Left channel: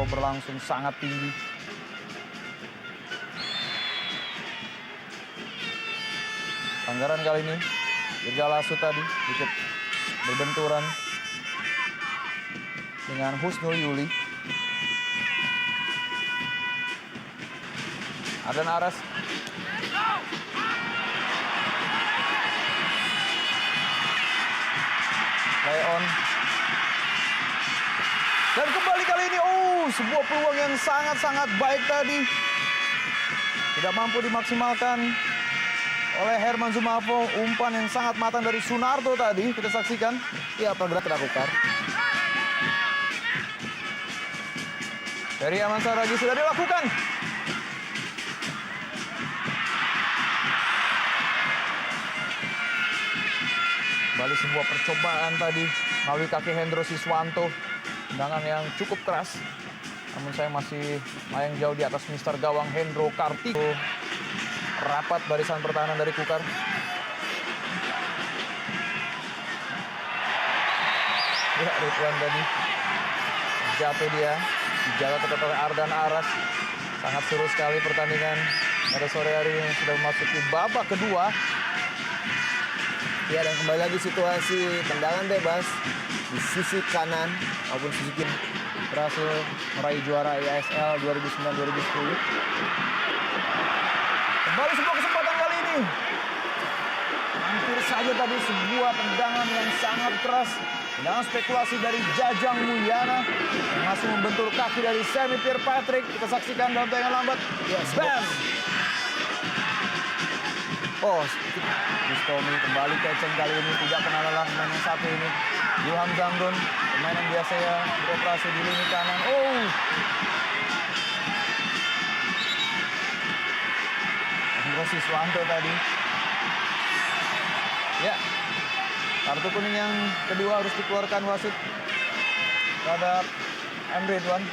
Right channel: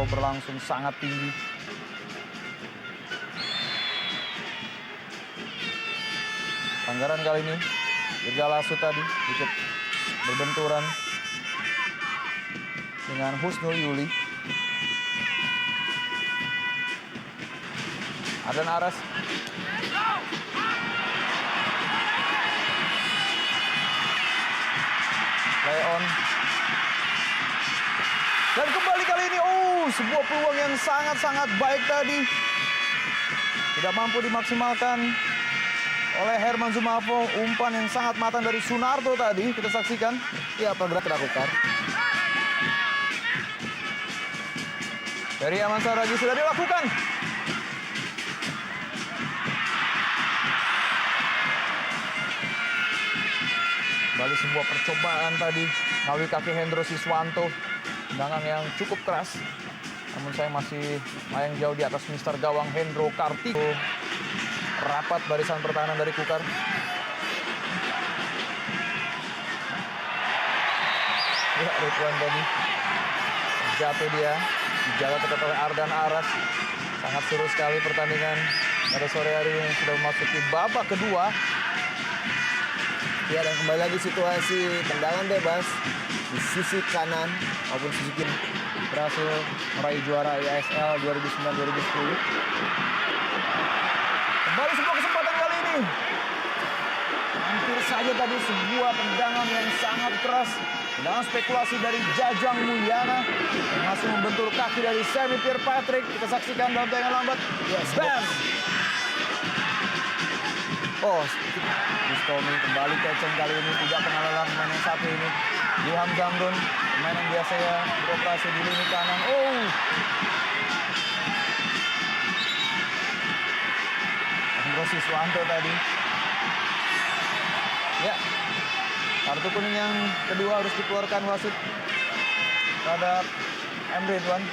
Mafo berlangsung sangat tinggi. Pelanggaran kali ini, Dirga Lasso tadi dikit berbenturan dengan Husnul Yuli. Ardan Aras. Play on. Dan kembali kali ini, sebuah peluang yang sangat-sangat baik tadi. Tidak mampu dimaksimalkan oleh Herman Zumafo. Umpan yang sangat matang dari Sunarto tadi, kita saksikan. Ya, pergerakan dilakukan. Ferry Aman Saragi sudah dilakukan. Kembali sebuah percobaan tadi melalui kaki Hendro Siswanto. Tendangan yang cukup keras. Namun saya masih layang jauh di atas Mister Gawang Hendro Kartiko. Rapat barisan pertahanan dari Kukar. Ya, Ridwan tadi jatuh dia. Dijaga ketat oleh Ardan Aras. Sangat seru sekali pertandingan pada sore hari ini. Sudah memasuki babak kedua. Ya, dan kembali lagi situasi tendangan bebas di sisi kanan maupun sisi kiri. Berhasil meraih juara IASL 2009-2010. Kembali sebuah kesempatan kali ini. Hampir saja tadi sebuah tendangan yang sangat keras. Tendangan spekulasi dari Jajang Mulyana yang masih membentur kaki dari Semi Pierre Patrick. Kita saksikan dalam tayangan lambat. Ya, Bam! Bustomi kembali keceng kali ini. Tidak kenal lelah pemain yang satu ini. Ilham Zamrun, pemain yang biasanya beroperasi di lini kanan. Hendro Siswanto tadi. Ya, kartu kuning yang kedua harus dikeluarkan wasit terhadap M. Ridwan.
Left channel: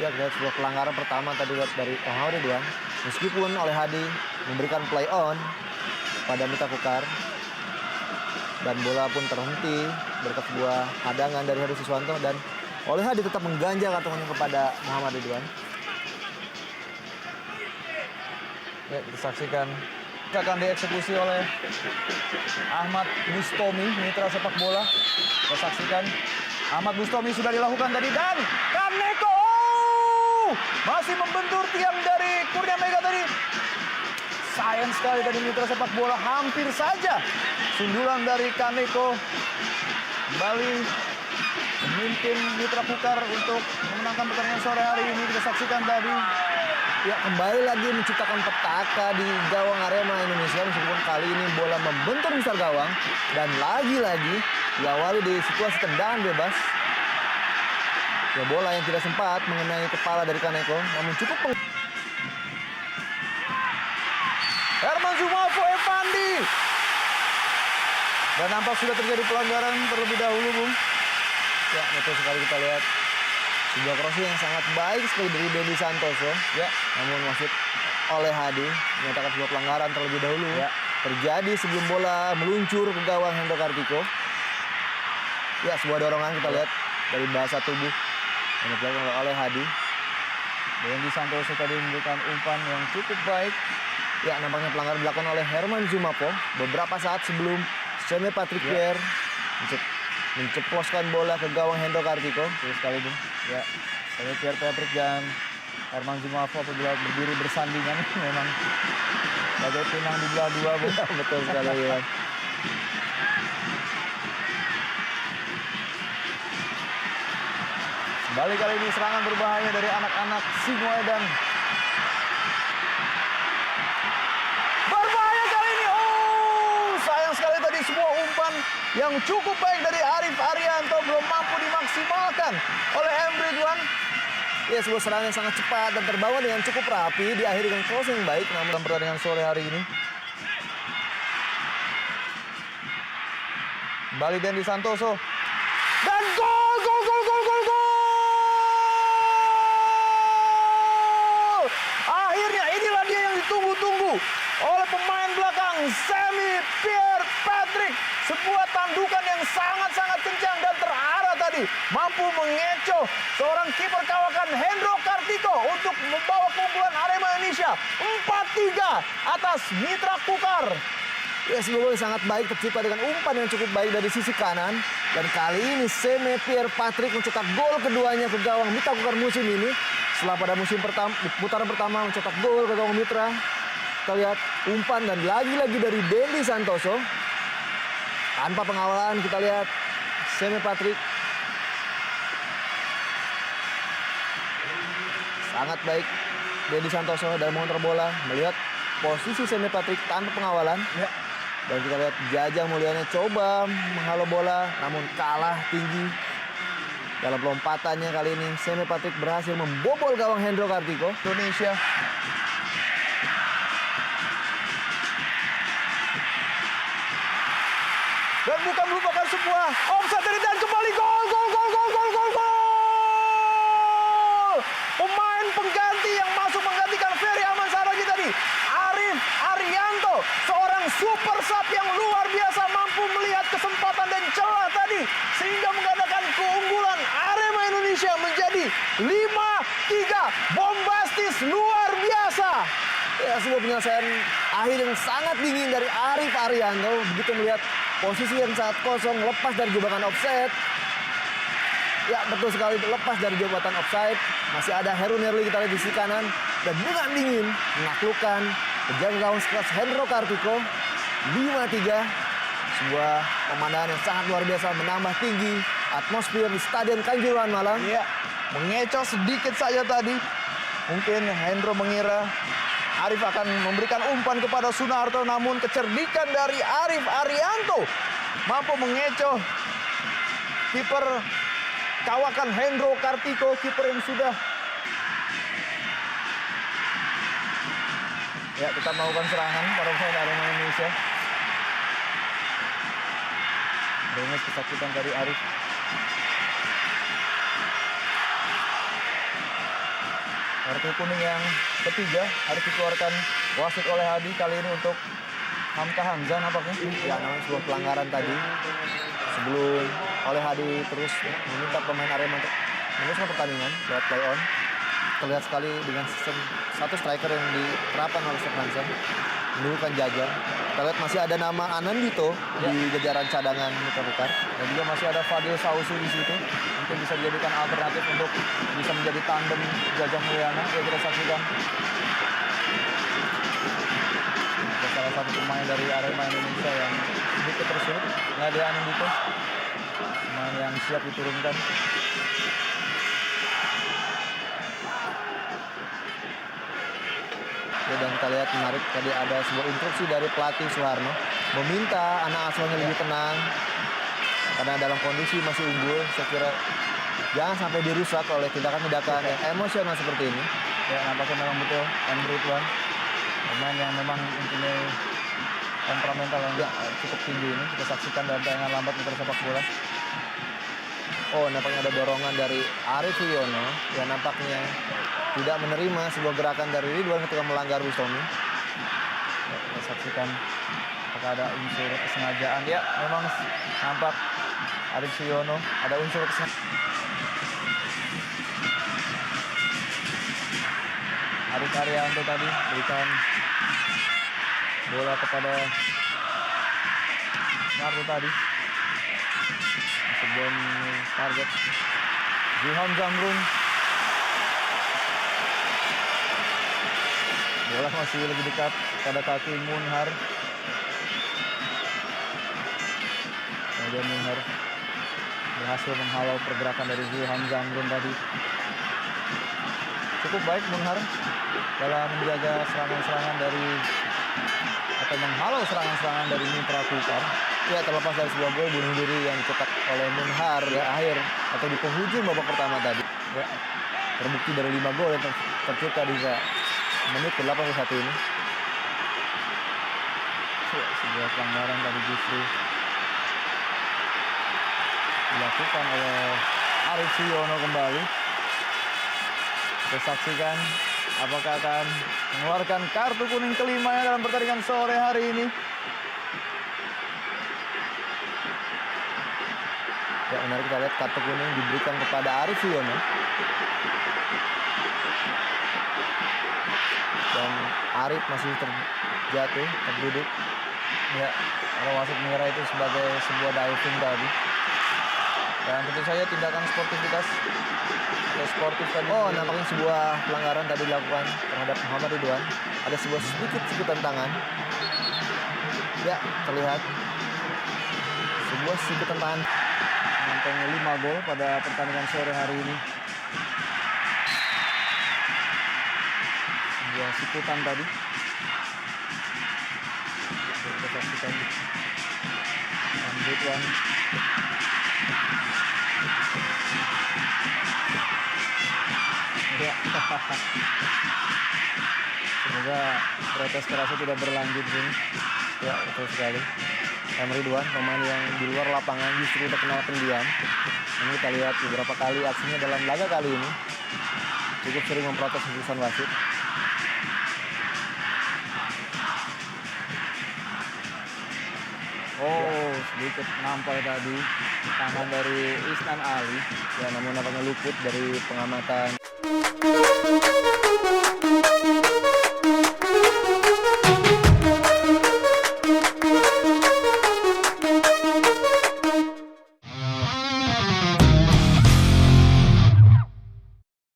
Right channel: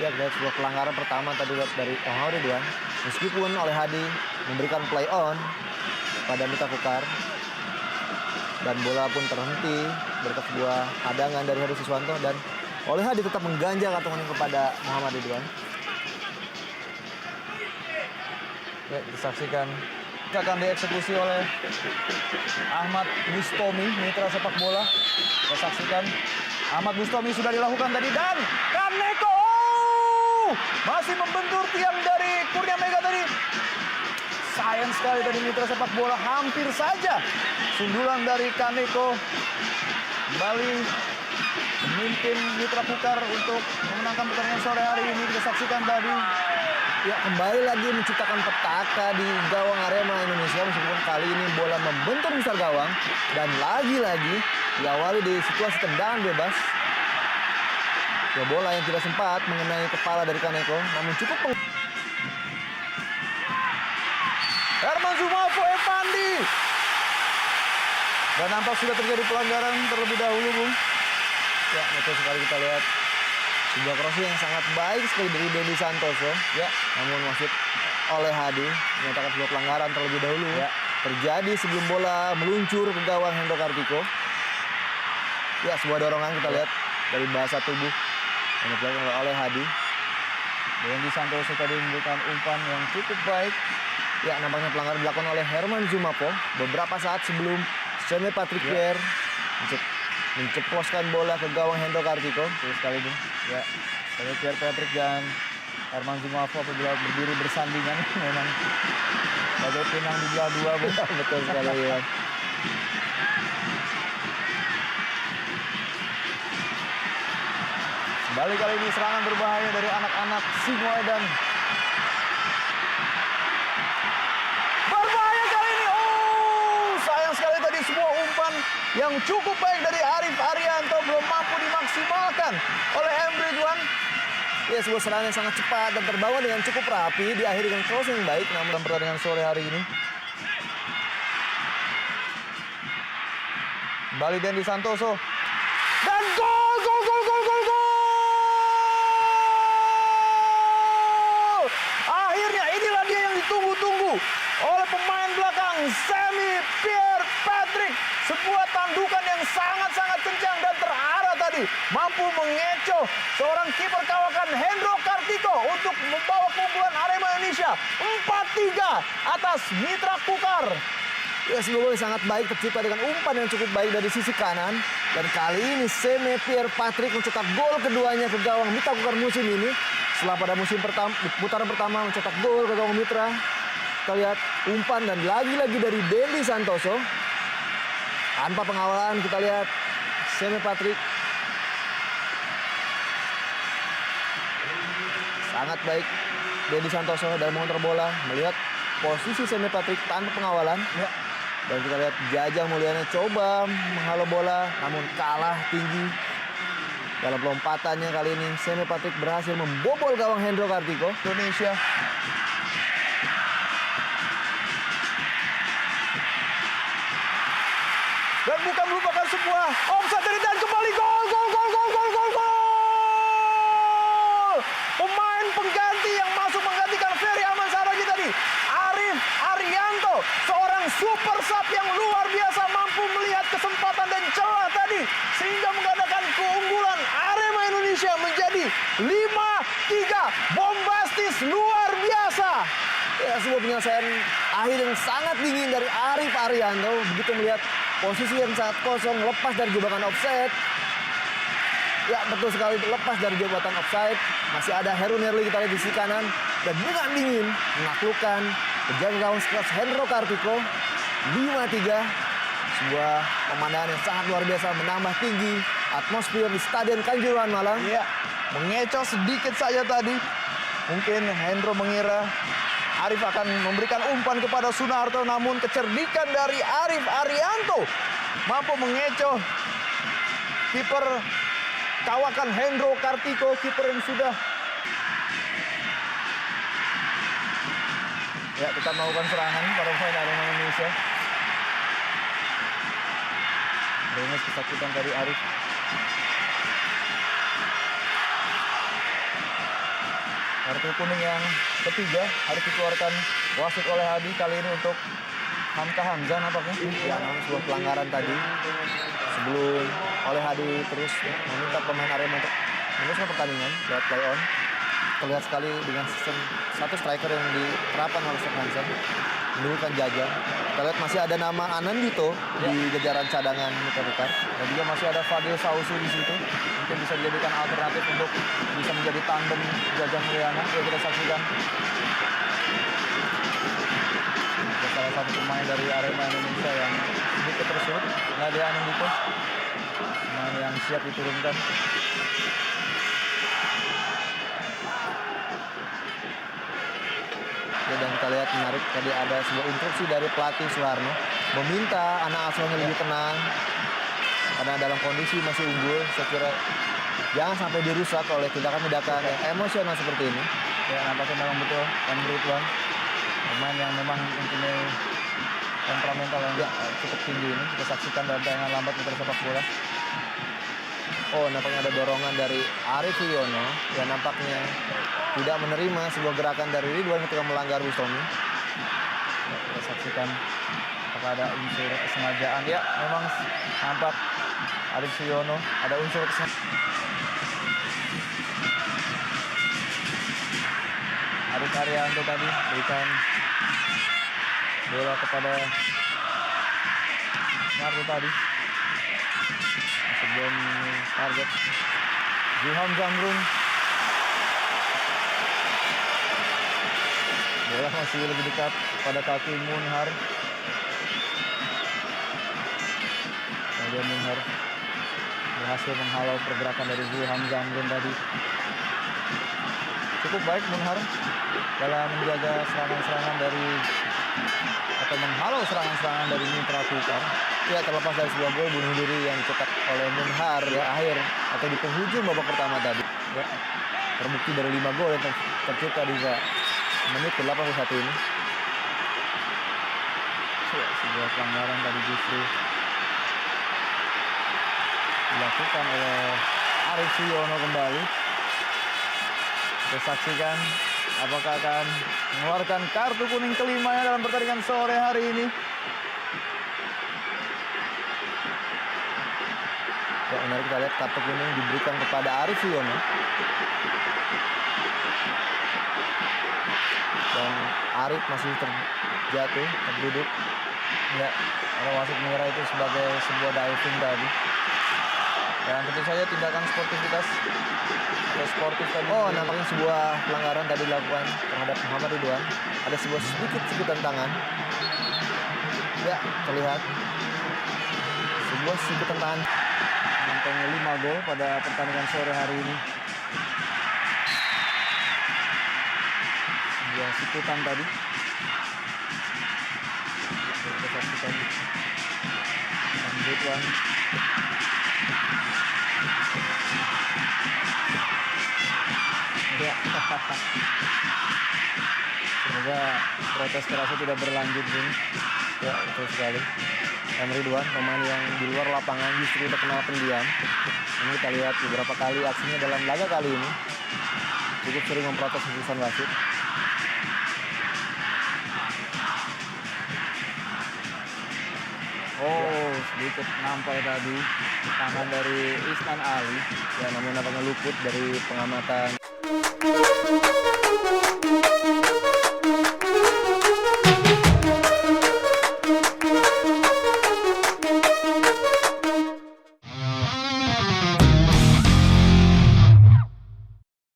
Ya, kita lihat sebuah pelanggaran pertama tadi dari M. Ridwan. Meskipun oleh Hadi memberikan play on pada Mita Kukar. Dan bola pun terhenti berkat sebuah hadangan dari Hendro Siswanto. Dan oleh Hadi tetap mengganjal kartu kuning kepada Muhammad Ridwan. Ya, kita saksikan. Akan dieksekusi oleh Ahmad Bustomi, mitra sepak bola. Kita saksikan. Ahmad Bustomi sudah dilakukan tadi. Dan Kaneko masih membentur tiang dari Kurnia Mega tadi. Sayang sekali tadi mitra sepak bola. Hampir saja sundulan dari Kaneko kembali memimpin Mitra Kukar untuk memenangkan pertandingan sore hari ini. Kita saksikan tadi. Ya, kembali lagi menciptakan petaka di gawang Arema Indonesia. Meskipun kali ini bola membentur besar gawang. Dan lagi-lagi diawali di situasi tendangan bebas. Ya, bola yang tidak sempat mengenai kepala dari Kaneko. Namun cukup Herman Zumafo Evandi. Dan nampak sudah terjadi pelanggaran terlebih dahulu, Bung. Ya, betul sekali kita lihat. Sebuah crossing yang sangat baik sekali dari Dendi Santoso. Ya, Namun wasit oleh Hadi menyatakan sebuah pelanggaran terlebih dahulu. Ya. Terjadi sebelum bola meluncur ke gawang Hendro Kartiko. Ya, sebuah dorongan kita lihat dari bahasa tubuh yang dilakukan oleh Hadi. Dendi Santoso tadi memberikan umpan yang cukup baik. Ya, nampaknya pelanggaran dilakukan oleh Herman Zumafo beberapa saat sebelum Semi Patrick Pierre menceploskan bola ke gawang Hendro Kartiko. Betul sekali, Bung. Ya, Semi Pierre Patrick dan Herman Zumafo apabila berdiri bersandingan memang bagai pinang di belah dua, Bung. Ya, betul sekali, Iwan. Kembali kali ini serangan berbahaya dari anak-anak Singoedan. Berbahaya kali ini. Sayang sekali tadi sebuah umpan yang cukup baik dari Arif Arianto belum mampu dimaksimalkan oleh M. Ridwan. Ya, sebuah serangan yang sangat cepat dan terbawa dengan cukup rapi, diakhiri dengan crossing yang baik. Namun dalam pertandingan sore hari ini, kembali Dendi Santoso. Dan gol! Akhirnya inilah dia yang ditunggu-tunggu seorang Semi Pierre Patrick. Sebuah tandukan yang sangat-sangat kencang dan terarah tadi. Mampu mengecoh seorang kiper kawakan Hendro Kartiko untuk membawa keunggulan Arema Indonesia 4-3 atas Mitra Kukar. Ya, sebuah gol sangat baik tercipta dengan umpan yang cukup baik dari sisi kanan. Dan kali ini Semi Pierre Patrick mencetak gol keduanya ke gawang Mitra Kukar musim ini. Setelah pada musim pertama, di putaran pertama mencetak gol ke gawang Mitra. Kita lihat umpan dan lagi-lagi dari Dendi Santoso. Tanpa pengawalan kita lihat Semi Patrick. Sangat baik Dendi Santoso dalam mengontrol bola. Melihat posisi Semi Patrick tanpa pengawalan. Ya. Dan kita lihat Jajang Mulyana coba menghalau bola namun kalah tinggi. Dalam lompatannya kali ini Semi Patrick berhasil membobol gawang Hendro Kartiko. Indonesia. Dan bukan merupakan sebuah offside dari dan kembali gol. Pemain pengganti yang masuk menggantikan Ferry Ahmad Saragi tadi, Arif Arianto, seorang super sub yang luar biasa, mampu melihat kesempatan dan celah tadi sehingga menggandakan keunggulan Arema Indonesia menjadi 5-3. Bombastis luar biasa. Ya, sebuah penyelesaian akhir yang sangat dingin dari Arif Arianto. Begitu melihat posisi yang sangat kosong, lepas dari jebakan offside. Ya, betul sekali, lepas dari jebakan offside. Masih ada Heru Nerli kita lihat di sisi kanan. Dan dengan dingin menaklukkan penjaga gawang sekelas Hendro Kartiko. 5-3. Sebuah pemandangan yang sangat luar biasa, menambah tinggi atmosfer di Stadion Kanjuruhan Malang. Iya, mengecoh sedikit saja tadi. Mungkin Hendro mengira Arif akan memberikan umpan kepada Sunarto, namun kecerdikan dari Arif Arianto mampu mengecoh kiper kawakan Hendro Kartiko, kiper yang sudah tetap melakukan serangan pada pemain Arema Indonesia. Rengis kesakitan dari Arif. Kartu kuning yang ketiga harus dikeluarkan wasit oleh Hadi kali ini untuk Hamka Hamzah nampaknya. Ya, namanya sebuah pelanggaran tadi. Sebelum oleh Hadi terus meminta pemain Arema untuk meneruskan pertandingan lewat play on. Terlihat sekali dengan sistem satu striker yang diterapkan oleh Steve Hansen. Menimbulkan Jajang. Kita lihat masih ada nama Anandito di jajaran cadangan Mitra Kukar. Dan juga masih ada Fadil Sausu di situ. Mungkin bisa dijadikan alternatif untuk bisa menjadi tandem Jajang Mulyana. Ya, kita saksikan. Ada salah satu pemain dari Arema Indonesia yang sedikit tersurut. Nadia Anandito. Pemain yang siap diturunkan. Ya, dan kita lihat menarik tadi ada sebuah instruksi dari pelatih Suharno meminta anak asuhnya lebih tenang karena dalam kondisi masih unggul. Saya kira jangan sampai dirusak oleh tindakan-tindakan yang emosional seperti ini. Ya, nampaknya memang betul Emre Ridwan, pemain yang memang mempunyai temperamental yang cukup tinggi ini. Kita saksikan dalam tayangan lambat Mitra Sepak Bola. Oh, nampaknya ada dorongan dari Arif Suyono yang nampaknya tidak menerima sebuah gerakan dari Ridwan ketika melanggar Bustomi. Ya, kita saksikan apakah ada unsur kesengajaan. Ya, memang nampak Arif Suyono ada unsur kesengajaan. Arif Arianto tadi berikan bola kepada Narto tadi. Masih belum target. Zulham Zamrun. Bola masih lebih dekat pada kaki Munhar. Nadia Munhar berhasil menghalau pergerakan dari Zulham Zamrun tadi. Cukup baik Munhar dalam menjaga serangan-serangan dari atau menghalau serangan-serangan dari Mitra Kukar. Ya, terlepas dari sebuah gol bunuh diri yang dicetak oleh Munhar di akhir atau di penghujung babak pertama tadi. Ya, Terbukti dari 5 gol yang tercipta di menit ke-81 ini. sebuah pelanggaran tadi justru dilakukan oleh Arif Suyono kembali. Kita saksikan apakah akan mengeluarkan kartu kuning kelimanya dalam pertandingan sore hari ini. Ya, menarik kita lihat kartu kuning diberikan kepada Arif Suyono. Dan Arif masih terjatuh, terduduk. Ya, kalau wasit mengira itu sebagai sebuah diving tadi. Dan tentu saja tindakan sportivitas atau sportif tadi. Oh, nampaknya sebuah pelanggaran tadi dilakukan terhadap Muhammad Ridwan. Ada sebuah sedikit sikutan tangan. Ya, terlihat sebuah sikutan tangan. Mengantongi 5 gol pada pertandingan sore hari ini. Sebuah sikutan tadi. Kita saksikan. Dan Ridwan. Ya. Semoga protes kerasnya tidak berlanjut, Bung. Ya, betul sekali. Ridwan, pemain yang di luar lapangan justru terkenal pendiam. Namun kita lihat beberapa kali aksinya dalam laga kali ini cukup sering memprotes keputusan wasit. Oh, sedikit nampal tadi tangan dari Isnan Ali. Ya, namun nampaknya luput dari pengamatan